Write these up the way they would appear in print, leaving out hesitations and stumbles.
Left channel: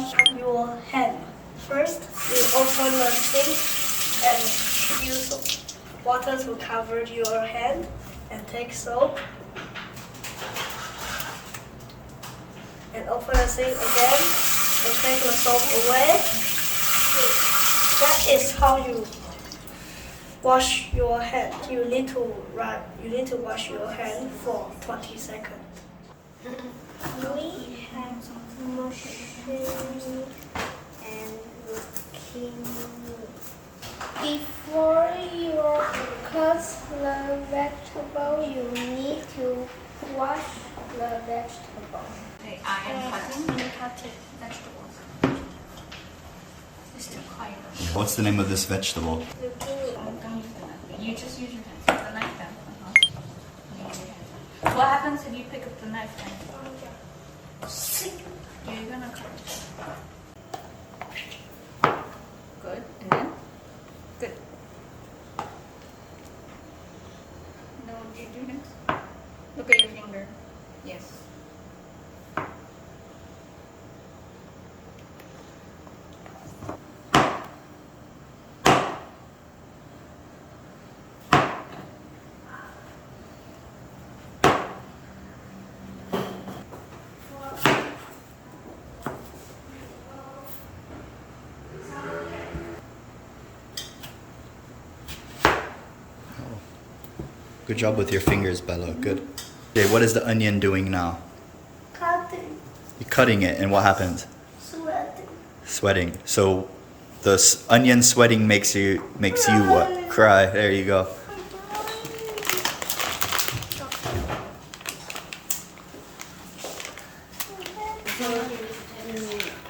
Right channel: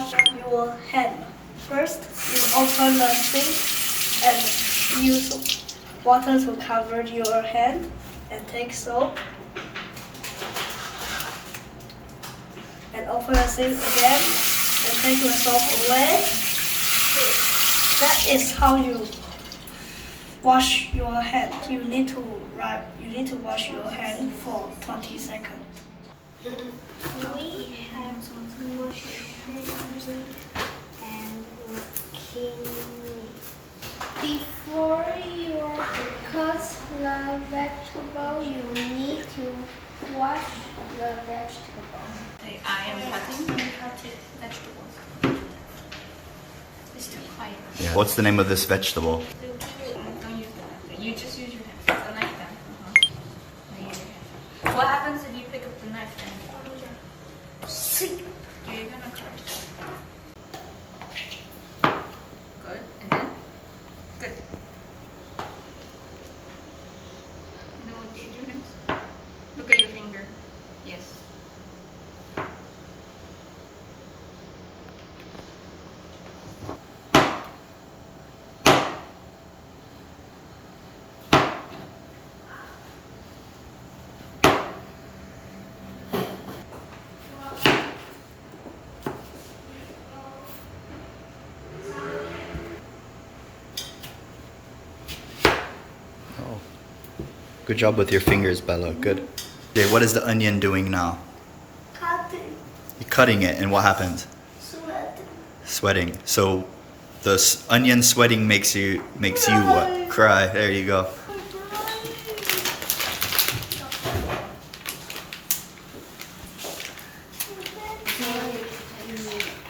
wash your hand. First, you open the sink and use water to cover your hand and take soap. And open the sink again and take the soap away. That is how you wash your hand. You need to wash your hand for 20 seconds. We have washing and cleaning. Before you cut the vegetable, you need to wash the vegetable. I am cutting vegetables. It's too quiet. Yeah. What's the name of this vegetable? Don't use the knife. You just use your hands. The knife then. Then use your hands. What happens if you pick up the knife then? Yeah, you're gonna cut. Good. And then? Good. You know what you do next? Look at your finger. Yes. Oh. Good job with your fingers, Bella. Good. Okay, what is the onion doing now? Cutting, You're cutting it, and what happens? sweating. Sweating. So the onion sweating makes you what? Cry. There you go.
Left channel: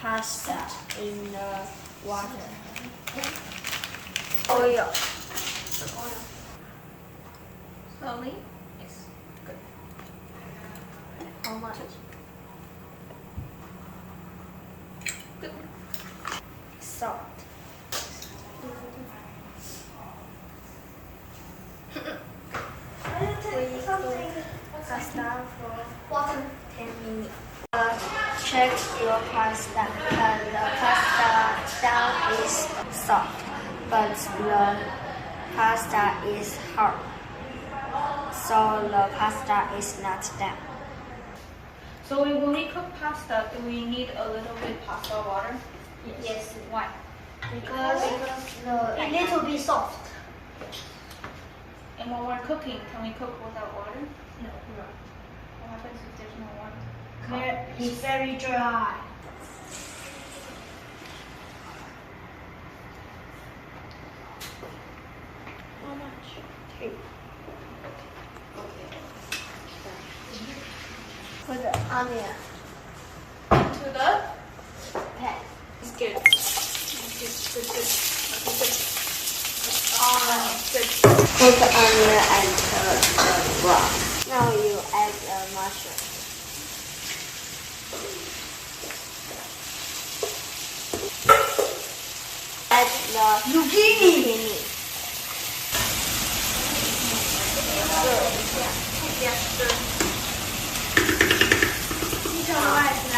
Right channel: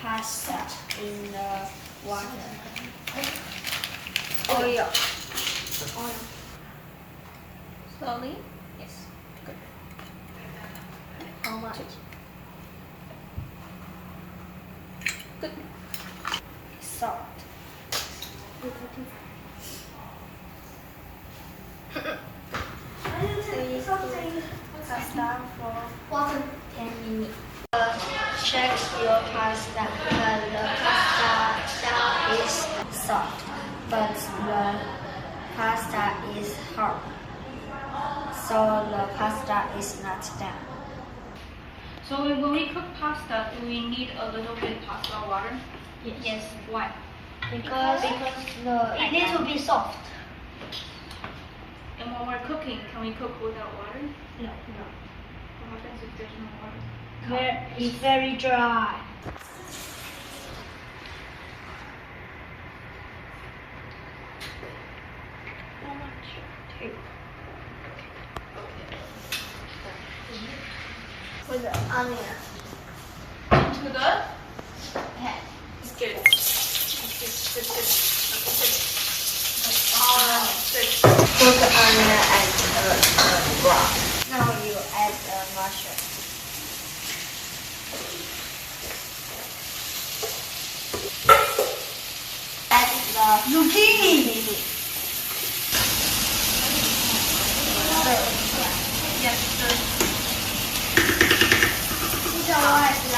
Pasta in the water. Oil. Slowly. Yes. How much? Good. Salt. Pasta for 10 minutes. Check your pasta. The pasta is soft, but the pasta is hard. So the pasta is not done. So when we cook pasta, do we need a little bit pasta water? Yes. Why? Because it needs to be soft. And when we're cooking, can we cook without water? No. What happens if there's no water? It's very dry. How much? Put the onion. To the? Okay. It's good. Good. Put the onion and brown. Now you add the mushroom. Add the zucchini. Yeah, sure. 你叫我爱吃来。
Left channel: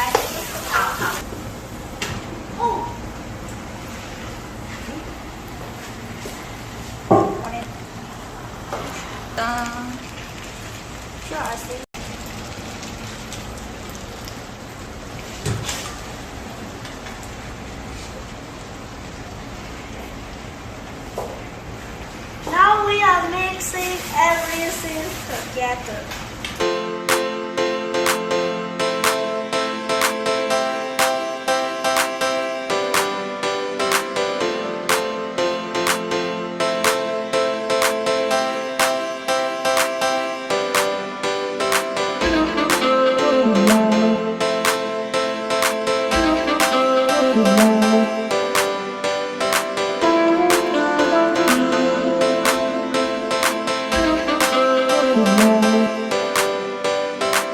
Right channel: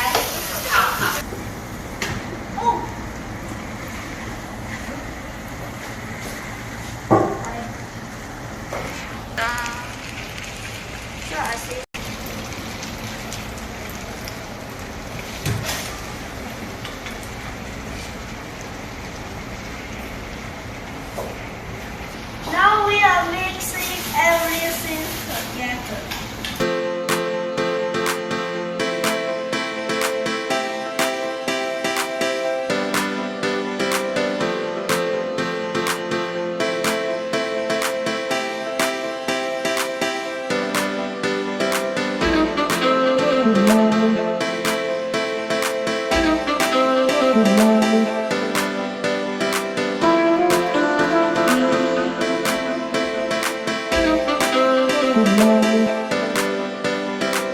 Now we are mixing everything together.